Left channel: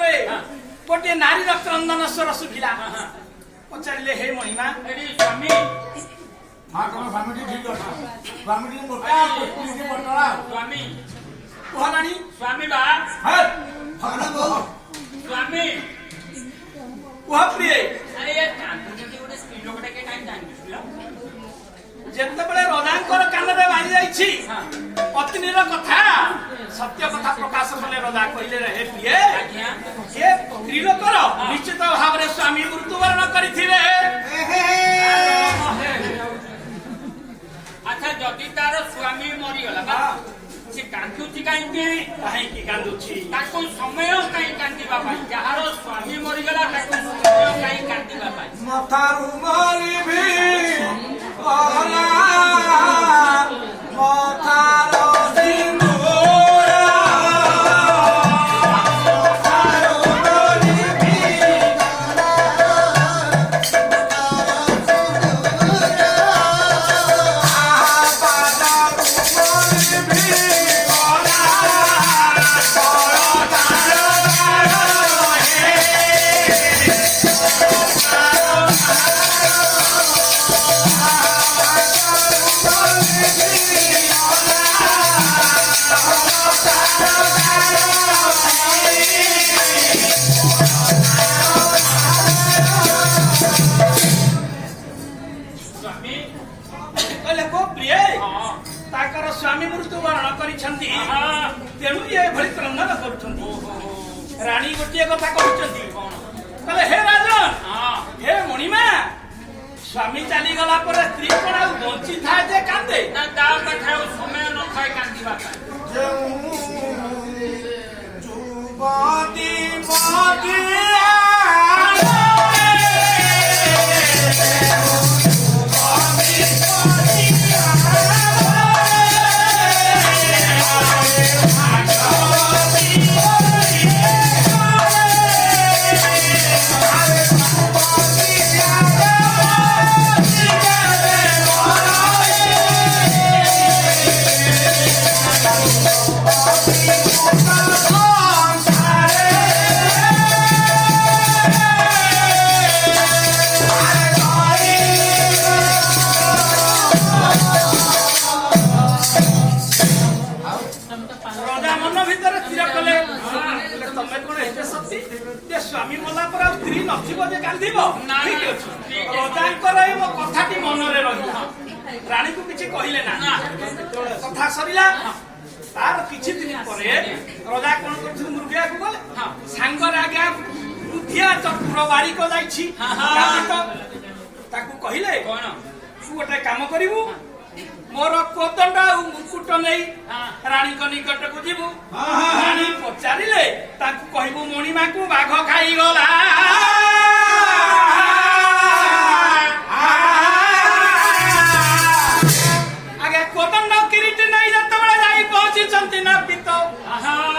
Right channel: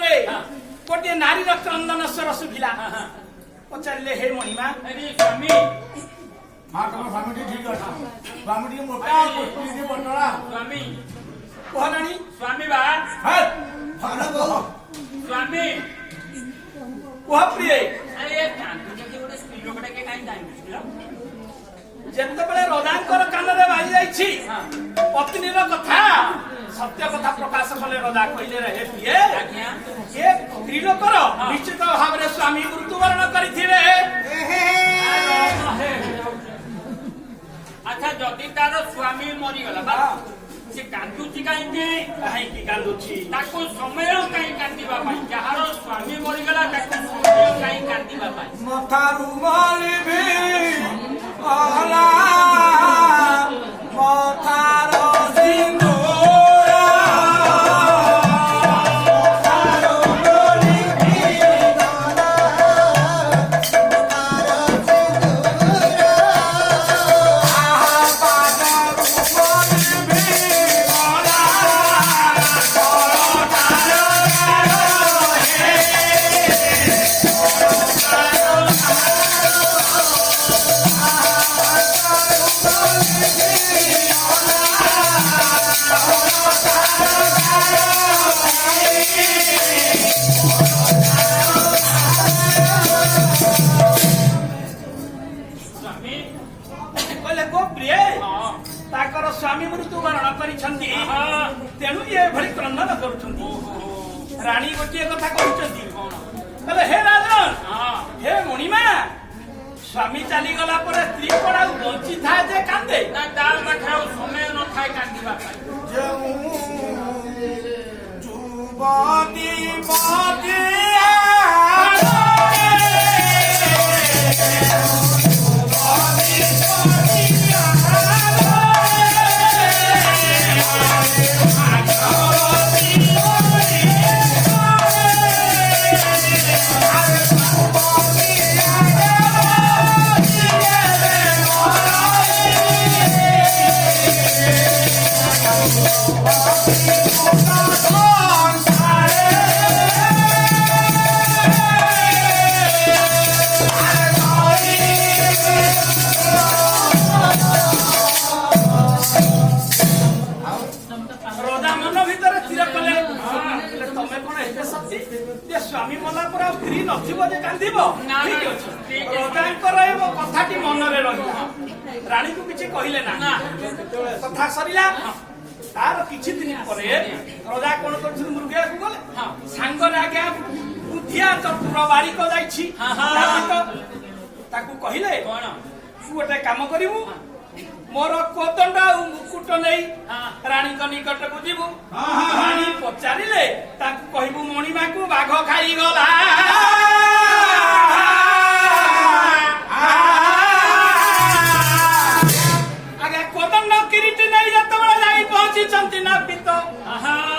रे गोटे नारी क्रंदन स्वर शुभिला पचारे हे मणिमा स्वामी माँ तुम स्वामी ठीक अच्छे स्वामी मोटा पटला स्वामी कहलानी स्वामी बा स्वामी कह प्रिय ଯେତେବେଳେ ରଜାଙ୍କର କାନରେ ବାଜି ଯାଇଛି ପତ୍ନୀର କଥା ସତ୍ୟ କଥା ପ୍ରକାଶ କଲେ ରଜା କହିଲେ ରେ ପ୍ରିୟ ଏ ସ୍ତ୍ରୀଲୋକର ନିଶ୍ଚିତ ଭାବରେ ସ୍ୱାମୀ ମୃତ୍ୟୁବରଣ କରିଥିବେ। ଆଚ୍ଛା ଯଦି ତାର ସ୍ୱାମୀ ମରିଗଲା ବା ସେ କାନ୍ଦୁଛି କାହିଁକି କାନ୍ଦୁଛି ତାକୁ ସମୟ କାହିଁ କାନ୍ଦିବା ପାଇଁ ଯାହାର ସ୍ୱାମୀ ମରିଗଲା ତାକୁ ସମୟ କାହିଁ କାନ୍ଦିବା ପାଇଁ ମଥାରୁ ମରିବି ମଥାର ସ୍ୱାମୀ ମୃତ୍ୟୁବରଣ କରିଛନ୍ତି ତେଣୁ ଏଭଳି କ୍ରନ୍ଦନ କରୁଛନ୍ତି। ରାଣୀ ଗୋଟିଏ କଥା କହୁଛନ୍ତି କହିଲେ ହେ ରାଜନ ହେ ମଣିମା ସ୍ୱାମୀ ଚାଲିଗଲା ପରେ ସ୍ତ୍ରୀ କଣ ଆଉ ବଞ୍ଚିଥାଏ ଯେ କାନ୍ଦେ ତା ପାଖରେ ଆଉ ସମୟ ନଥାଏ କାନ୍ଦିବା ପାଇଁ। ସ୍ୱାମୀ ମଲା ପରେ ଆଉ ସ୍ତ୍ରୀ ନଥିବ ଯେ କାନ୍ଦିବ ଠିକ ଅଛି। ରଜାଙ୍କର ଏ କଥାଟି ମନରେ ରହିଲା ରାଣୀକୁ କିଛି କହିଲେ ନା କଥା ସରିଲା। ତାର କିଛି ଦିନ ପରେ ରଜା କଣ କରୁଛନ୍ତି ମୃଗିଆକୁ ଗଲେ ସାଙ୍ଗରେ ଆଜ୍ଞା ବୁଦ୍ଧିଆ ଚତୁର ବାରିକ ଯାଇଛି ତାକୁ କହିଲେ କଣ ତୁ ଗୋଟେ କାମ କରିବୁ ମୋର କୋଦଣ୍ଡ ଆଉ ମୁକୁଟ ନେଇ ରାଣୀଙ୍କ ନିକଟକୁ ଯିବୁ ରାଣୀ ପଚାରିଲେ ତାକୁ କହିବୁ ମଣିମାକୁ ବାଘ ଖାଇଗଲା। ଆଜ୍ଞା କୋଦଣ୍ଡ କିରିଟି ନେଇ ଯେତେବେଳେ ଯାଇ ପହଞ୍ଚିଛନ୍ତି ନାପିତ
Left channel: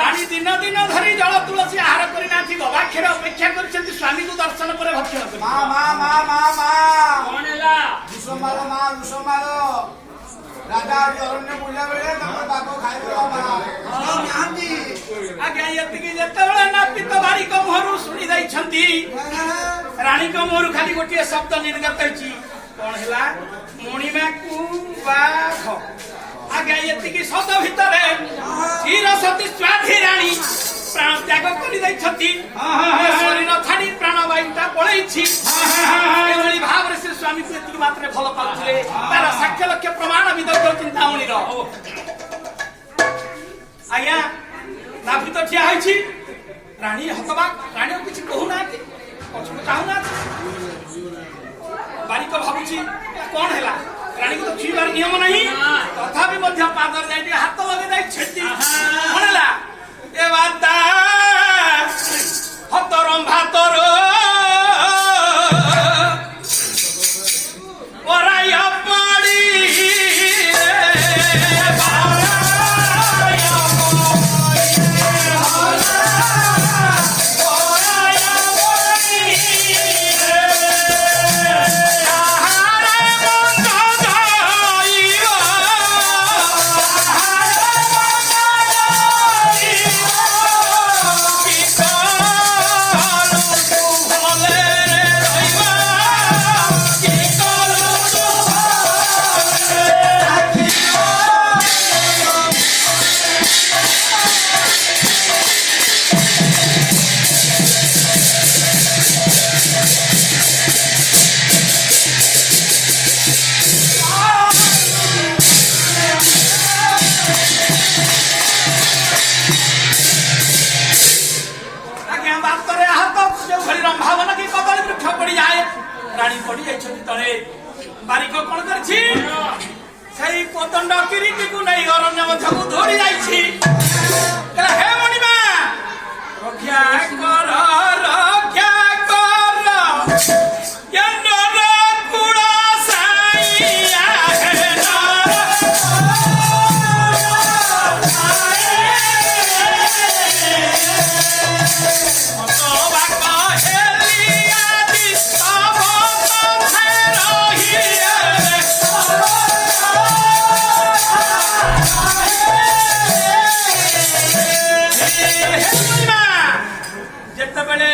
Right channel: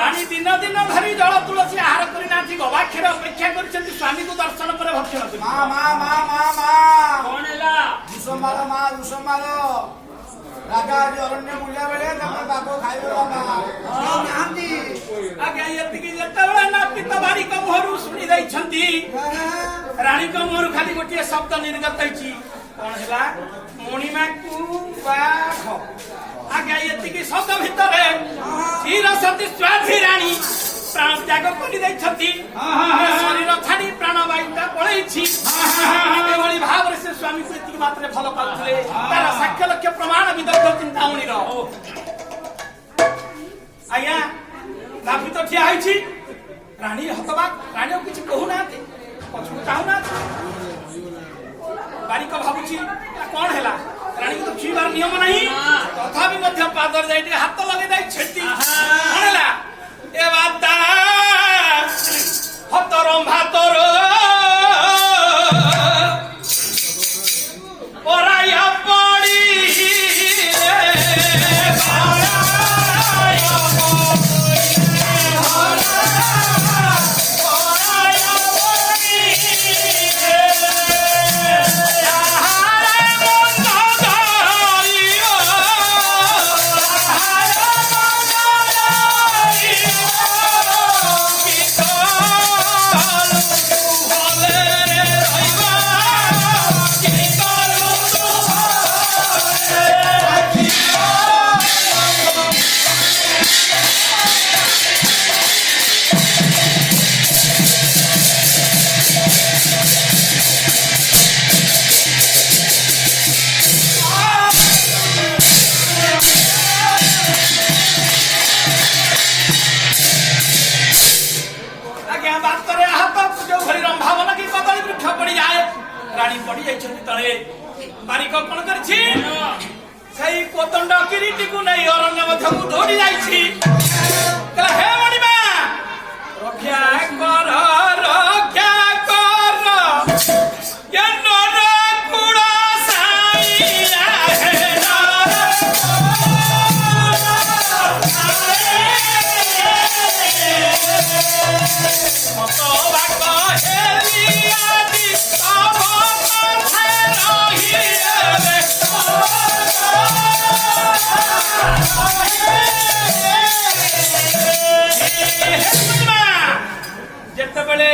ରାଣୀ ଦିନ ଦିନ ଧରି ଜଳ ତୁଳସୀ ଆହାର କରିନାହାନ୍ତି ଗବାକ୍ଷର ଅପେକ୍ଷା କରିଛନ୍ତି ସ୍ୱାମୀକୁ ଦର୍ଶନ ପରେ ଭକ୍ଷଣ କରି କଣ ହେଲା ରାଜା ଅରଣ୍ୟ ବୁଲିଲା ବେଳେ ବାଘ ଖାଇଗଲା ଆଜ୍ଞା ଏତିକି ଯେତେବେଳେ ନାପିତ ବାରିକ ମୁହଁରୁ ଶୁଣି ଦେଇଛନ୍ତି ରାଣୀଙ୍କ ମୁହଁରୁ ଖାଲି ଗୋଟିଏ ଶବ୍ଦ ନିର୍ଗତ ହେଇଛି କଣ ହେଲା ମଣିମାକୁ ବାଘ। ଆଜ୍ଞା ଏତିକି ଶବ୍ଦ ଭିତରେ ଧୀର ସତୀ ସ୍ୱାଧୀ ରାଣୀ ପ୍ରାଣ ତ୍ୟାଗ କରିଦେଇଛନ୍ତି ଶରୀର ଛାଡି ପ୍ରାଣବାୟୁଟା ପଳେଇଛି। ଏଭଳି ଭାବରେ ସେ ସ୍ୱାମୀକୁ ଏତିକି ମାତ୍ରେ ଭଲ ପାଉଥିଲେ ତାର ସାକ୍ଷ୍ୟ ଲକ୍ଷ୍ୟ ପ୍ରମାଣ ବିଦଗ୍ଧ ଚିନ୍ତାମଣିର ଆଜ୍ଞା ନାପିତ ଠିଆ ହେଇଛି ରାଣୀ ହତବାକ ରାଣୀ ଆଉ କିଛି କହୁନାହାନ୍ତି ପଛକୁ ଚାହୁଁନାହାନ୍ତି। ବାରିକ ଭାବୁଛି କଣ ହେଲା ରାଣୀକୁ ତ ଛୁଇଁବାର ନିୟମ ନାହିଁ ତଥାପି ମଧ୍ୟ ପାଦରେ ଯାଇ ଟିକେ ହାତ ଲଗେଇ ଦେଇ ଛେଟି କଣ ହେଲା ଏ ବାଦା ହତର ଭାତର ପରାୟ ପଡ଼ି ବାତରେ ଆହତ ଯୋଉଭଳି ରମ୍ଭାବନ କି କଦଳୀ ବୃକ୍ଷ ପଡ଼ିଯାଏ ରାଣୀ ପଡ଼ିଯାଇଛନ୍ତି ତଳେ। ବାରିକ କଣ କରିଛି ସେଇ କୋଦଣ୍ଡ କିରୀଟିକୁ ନେଇ ଅରଣ୍ୟ ମଧ୍ୟକୁ ଦୌଡ଼ି ଯାଇଛି। ହେ ମଣିମା ରକ୍ଷା କର ରକ୍ଷା କର ଜ୍ଞାନର କୁଳ ସାଇଆ ଯେତେବେଳେ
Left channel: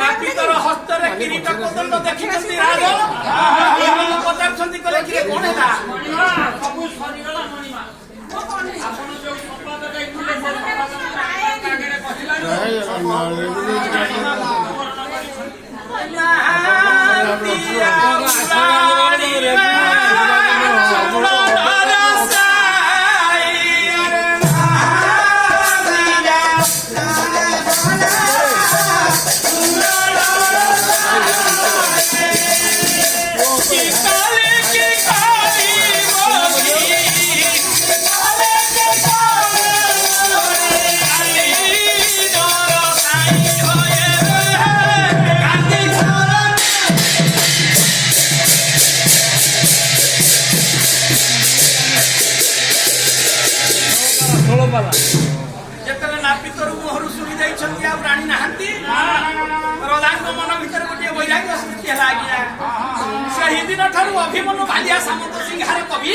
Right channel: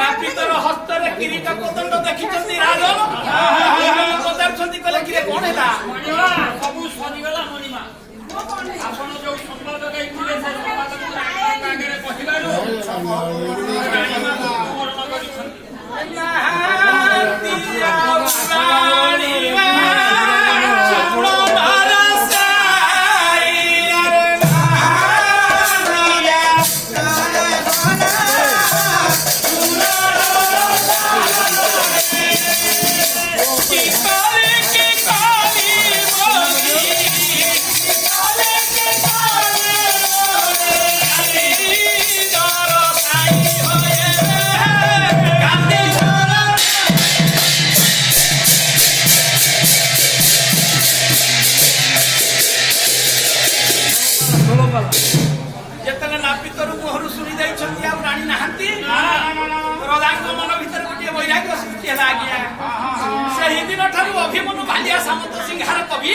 ନାପିତର ହସ୍ତରେ କିରୀଟ କୋଦଣ୍ଡ ଦେଖିଛନ୍ତି ରାଜନ ପଚାରୁଛନ୍ତି କହିଲେ କିରେ କଣ ହେଲା? ସବୁ ସରିଗଲା ମଣିମା। ଆପଣ ଯୋଉ ସମ୍ବାଦ ଦେଇଥିଲେ ସେ ସମ୍ବାଦ ଯେତେବେଳେ ନାପିତରୁ ମୁହଁରୁ ଶୁଣି ଦେଇଛନ୍ତି ଆଉ ରାଣୀ ନାହାନ୍ତି ରଜାଙ୍କ ମନ ଭିତରେ ଗୋଟିଏ ବୈରାଗ୍ୟ ସୃଷ୍ଟି ହେଲା। ଆଜ୍ଞା ସେହି ଦିନ ଠାରୁ ଅଭିମନ୍ୟୁ ଭାଲିଆ ସାମନ୍ତ ସିଂହାର କବି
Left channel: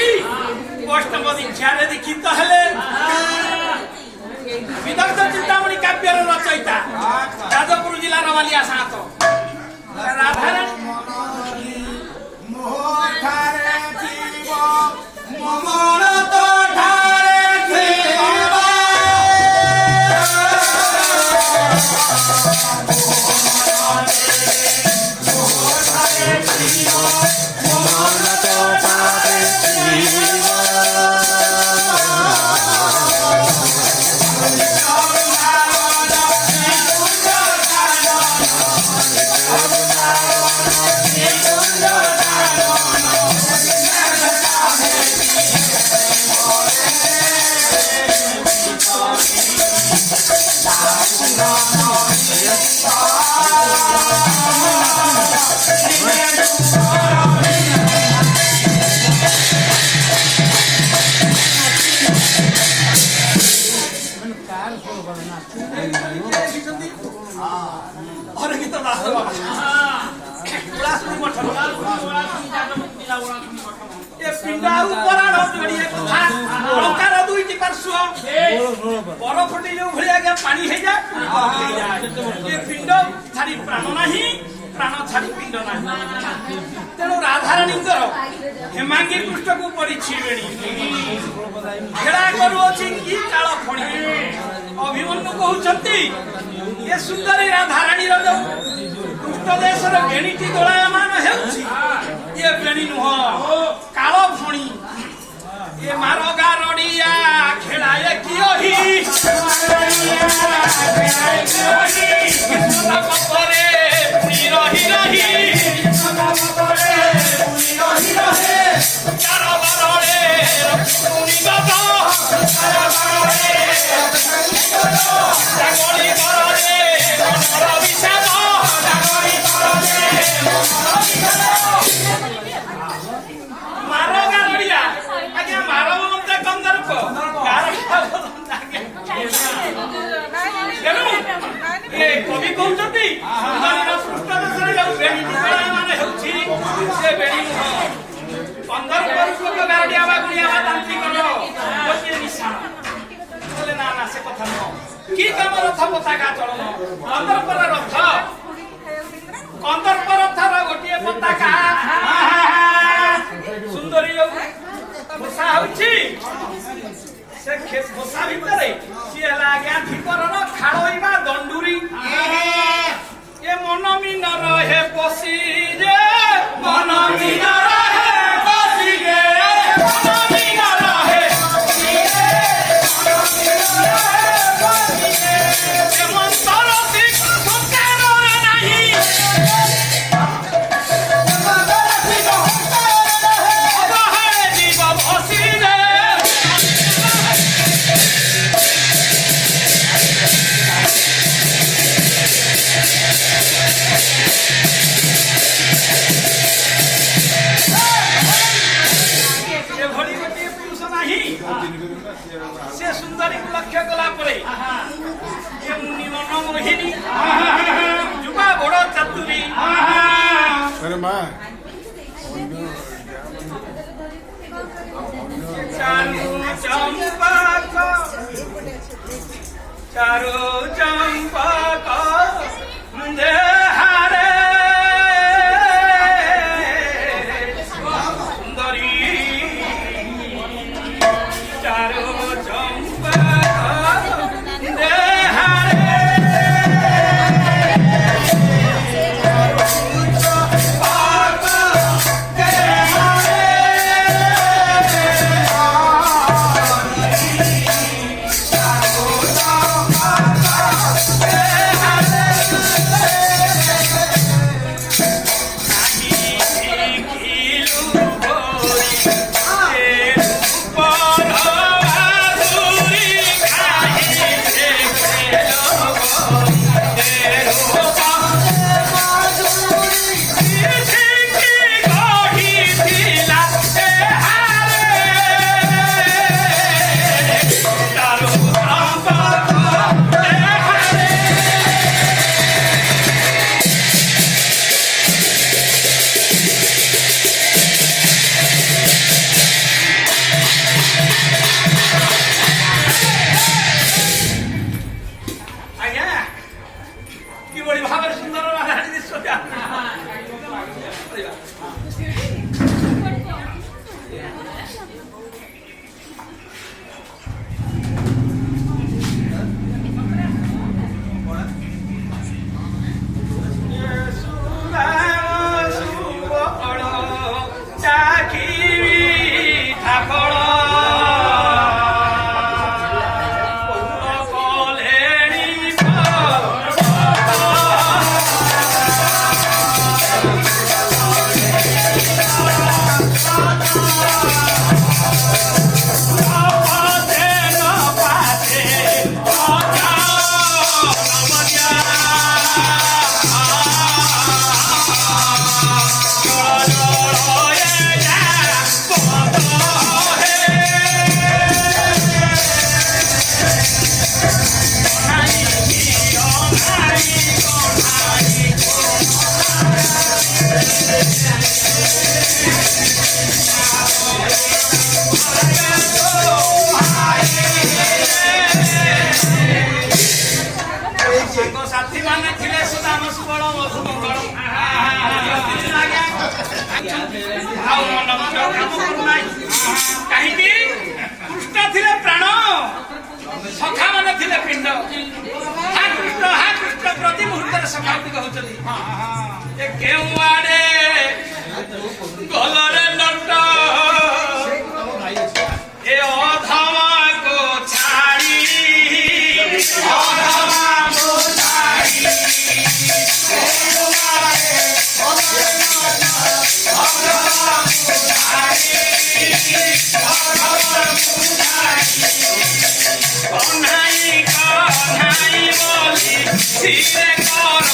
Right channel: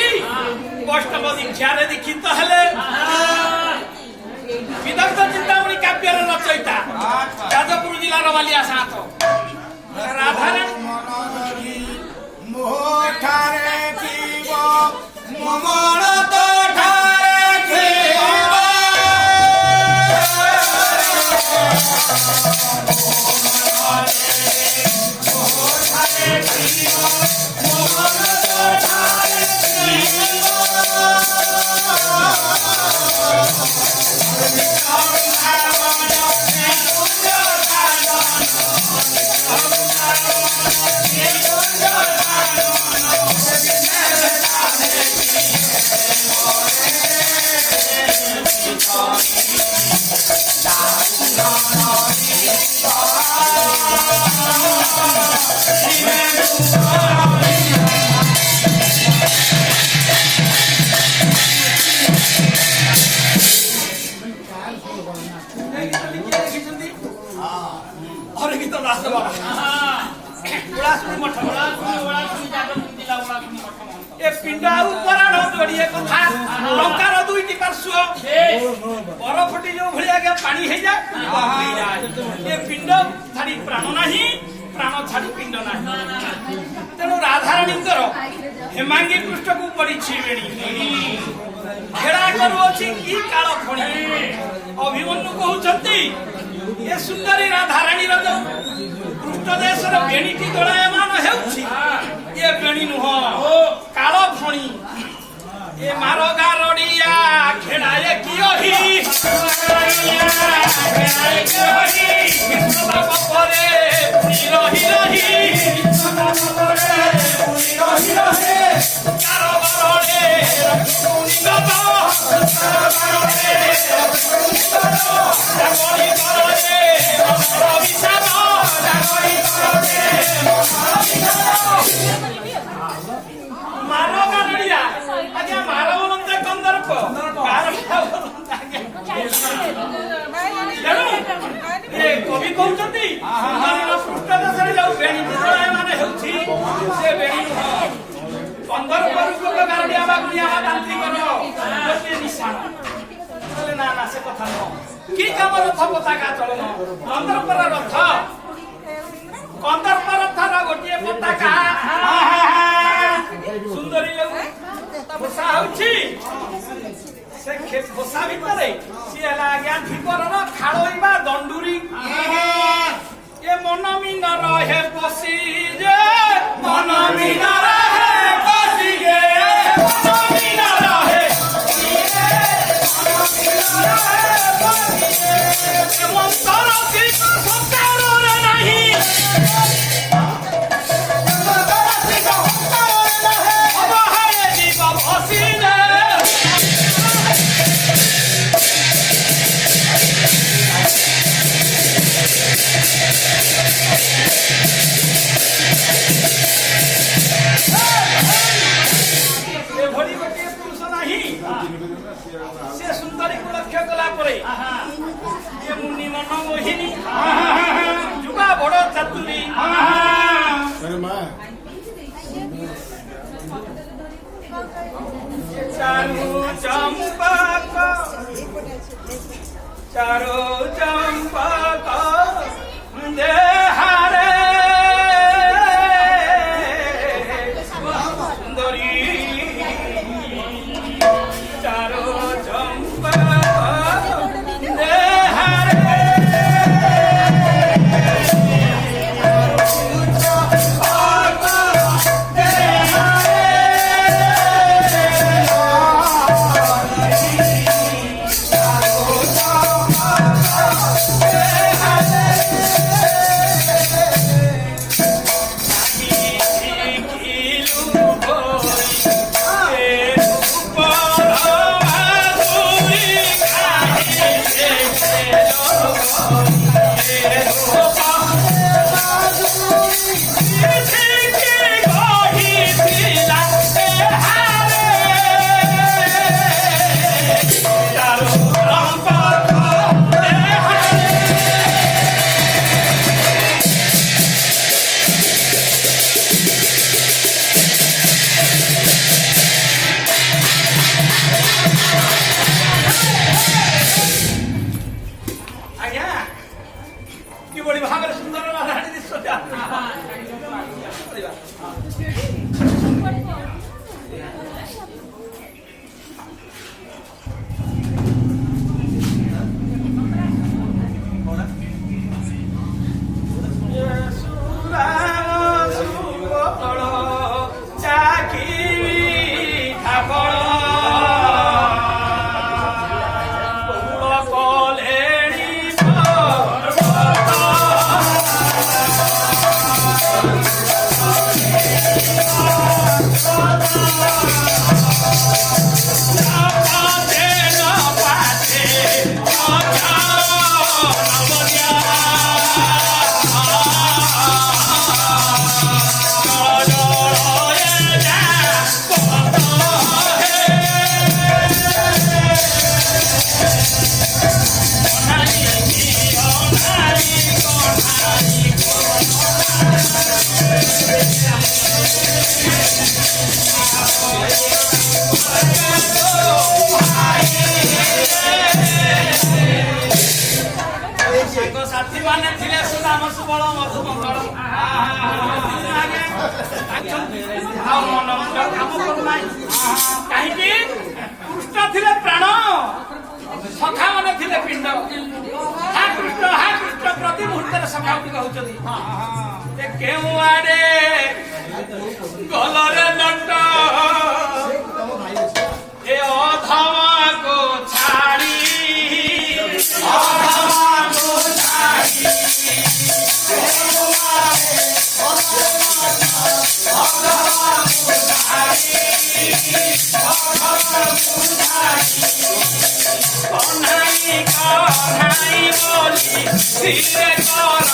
ବୈଷ୍ଣବ ଦୀକ୍ଷାରେ ଦୀକ୍ଷିତ ହେଲେ। ବିଦଗ୍ଧ ଚିନ୍ତାମଣି କାବ୍ୟର ରଚୟିତା ଯାଜପୁର ଜିଲ୍ଲାର ବାଲିଆ ସାନ୍ତ ରାଧାରାଣୀ ବରଫଟି ଯୋଉ ଭଳି ଆଜ୍ଞା ପାଣି ହେଇଯାଏ ଏ ପିଣ୍ଡ ଛାଡି ପ୍ରାଣ ନାହିଁ, ପ୍ରାଣ ଛାଡି ପିଣ୍ଡ ନାହିଁ। ତେଣୁ ରାଧାରାଣୀଙ୍କର ହେମାଙ୍ଗୀ ପୃଷ୍ଠକୁ ପଡିଛି ବେଣୀ ଖେଳା କରୁଅଛି କି କାଳ ଫଣି। ଅଭିମନ୍ୟୁ କହୁଛନ୍ତି ଏ ସୁନ୍ଦରୀ ରାଧାରାଣୀର ଯୋଉ ପୃଷ୍ଠ ଦେଶରେ ବେଣୀଟି ଦୋଳାୟମାନ ହେଉଛି ଏ ବେଣୀ ନୁହଁ କାଳ ଫଣି। ଏ ମାର ଗାରଡିଆ ଖେଳାଏ କିଓହି ପରେ ପୁଣି ରହି ରହି କାରବାରରେ ରଖି ଦବ ଜାଗରି ବଳରେ ବିଷାଦ ମାର ଗାରଡିଆ ଆଜ୍ଞା ମାର ମନ୍ତ୍ର କନ୍ଦର୍ପ କବି କହୁଛନ୍ତି ପୃଷ୍ଠ ଦେଶରେ ଯୋଉ ବେଣୀଟି ଦୋଳାୟମାନ ହେଉଛି ସେ ବେଣୀ ନୁହଁ କନ୍ଦର୍ପ ରୂପକ ଗାରଡିଆ ବା ଗୁଣିଆ ବା ତାନ୍ତ୍ରିକର ଗୋଟିଏ ନିଶାଣ। କହିଲେ ନା ନା ସେ କଥା ନୁହଁ। କି କାମ ରଥ ପତାକା ଚଳନ କନ୍ଦର୍ପର ରଥ କନ୍ଦର୍ପ ରଥର ଗୋଟିଏ ପତାକା ସୁନ୍ଦରୀ ଯୋଉ ଭୂଷା ହଉଛି ସେ ଭୂଷା ଭିତରେ ସିଏ ହେଲା ଆଜ୍ଞା ଧିପରର ଖାଳୋଇବା ଦଣ୍ଡୁରୀ। ଏ ମନ ମିନର ହେ ପଶି ଯେ ମନ ମିନର ହେ ପଶି ଯେ ମନ ମିନର ହେ ମନ୍ତର ସେ ସୁନ୍ଦରୀକୁ ଲକ୍ଷ୍ୟ କଲା ପରେ ଏ ମୁନି ମନ ମୋହିନୀ ଯୁବା ବଡ଼ ଚାତୁରୀ अरे माँ ଚାରୁ ଚମ୍ପକ ଚାରୁ ଚମ୍ପକ ଦେହାରେ ସୁନ୍ଦରୀ ଚାରୁ ଚମ୍ପକ ଦେହାରେ କିଭଳି ଭାବରେ ସୁନ୍ଦର ରାଣୀ ଦିଶୁଛନ୍ତି ସାଥୀ ମାନେ ଥିଲେ ସୁଦାମ ସୁବଳ ମଧୁମଙ୍ଗଳ ଆଉ ମନ ମୁଣ୍ଡ କାମ କରୁନାହିଁ କାହିଁକି କୃଷ୍ଣ ଥିଲେ ପ୍ରାଣ ସଖା ମାନେ ଥିଲେ ପିଣ୍ଡ ହା କୃଷ୍ଣ ପ୍ରତି ମୁହୂର୍ତ୍ତରେ ସଖା ଗୁଡ଼ିକ ହଉଛନ୍ତି କେଉଁ ଆଡେ ଗଲରେ ନଟ ଏ ଅଧମାକୁ ଛାଡ଼ି କହ୍ନାଇ ବୋଲି ଧୀରେ କର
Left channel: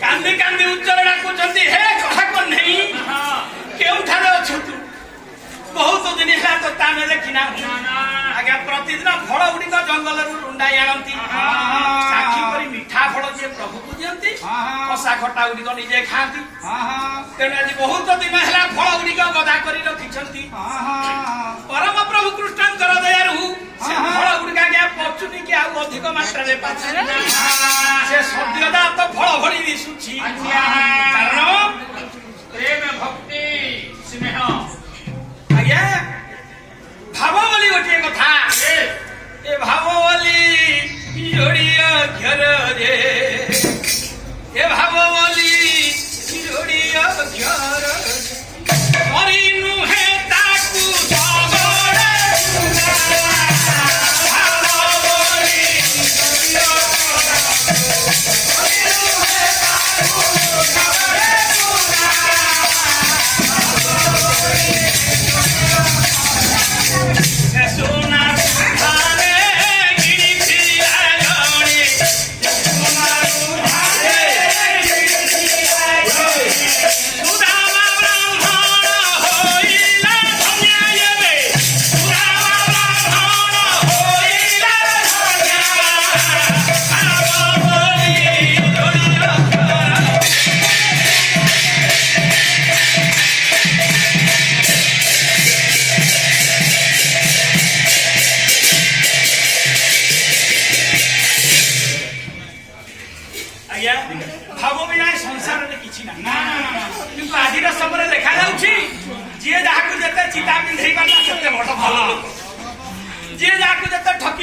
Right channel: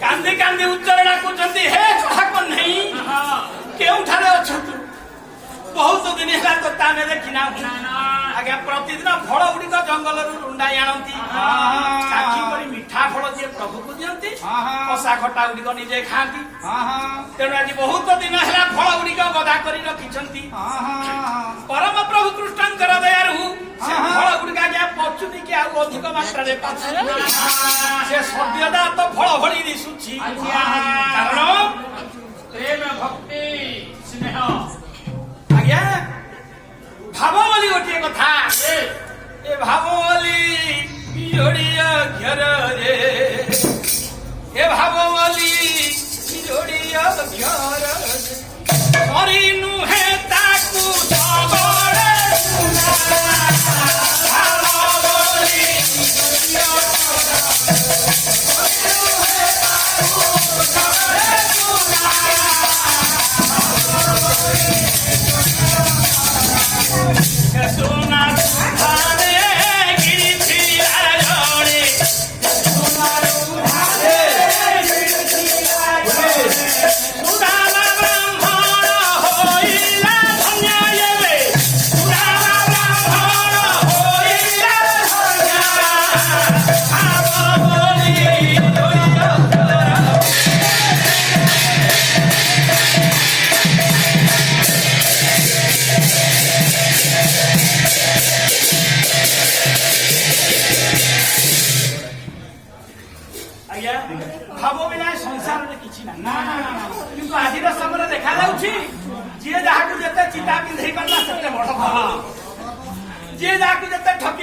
କାନ୍ଦି କାନ୍ଦି ଉଚ୍ଚାରଣ କରୁଛନ୍ତି ହେ କହା କହ୍ନେଇ କେଉଁଠାରେ ଅଛନ୍ତି ବହୁତ ଦିନ ହେଲା ତ ତାନେ ଦେଖିନା ଆଜ୍ଞା ପ୍ରତିଦିନ ଫଳ ଗୁଡିକ ଜଙ୍ଗଲରୁ ରୁଣ୍ଡାଇ ଆଣନ୍ତି ସାକ୍ଷୀ କରି ମିଠା ଫଳ ଯିଏ ପ୍ରଭୁକୁ ଦିଅନ୍ତି କଷା ଖଟା ଗୁଡିକ ନିଜେ ଖାଆନ୍ତି ତେଣୁ ଆଜି ବହୁତ ଦିନ ହେଲା ଫଳ ଗୁଡିକ ଗଦା କରି ରଖିଛନ୍ତି ପରମ ପ୍ରଭୁ କୃଷ୍ଣଙ୍କର ଦୟାରୁ ସେ ଫଳ ଗୁଡିକ ଆଜ୍ଞା ପଚୁନି କି ଆଉ ଅଧିକ ମାତ୍ରାରେ ପାଚୁନି ସେ ସଦ୍ୟତା ତ ଫଳ ଭଳି ଦିଶୁଛି କାରଣ ପ୍ରେମ ଭକ୍ତି ସ୍ନେହ ଆଜ୍ଞା ଭାବ ବୋଲି ଗୋଟିଏ କଥା ଏ ଭାବ ବୋଲି ଯୋଡ଼ିଅ ଘରରେ ଏ ଭାବ ବୋଲି ଯୋଡ଼ିଅ ଘରରେ କରି ନୁହେଁ ତାକୁ ସବୁବେଳେ ଭାବ ବୋଲି সোনা କିନ୍ତୁ ଆଜିର ସମୟରେ ଦେଖାଯାଉଛି ଯିଏ ଯାହାକୁ ଯେତେ ଚିତା ପିନ୍ଧେଇ ପାରିଲା ସେତେ ବଡ ଭଲ ଯିଏ ଯାହାକୁ ଯେତେ ଠକି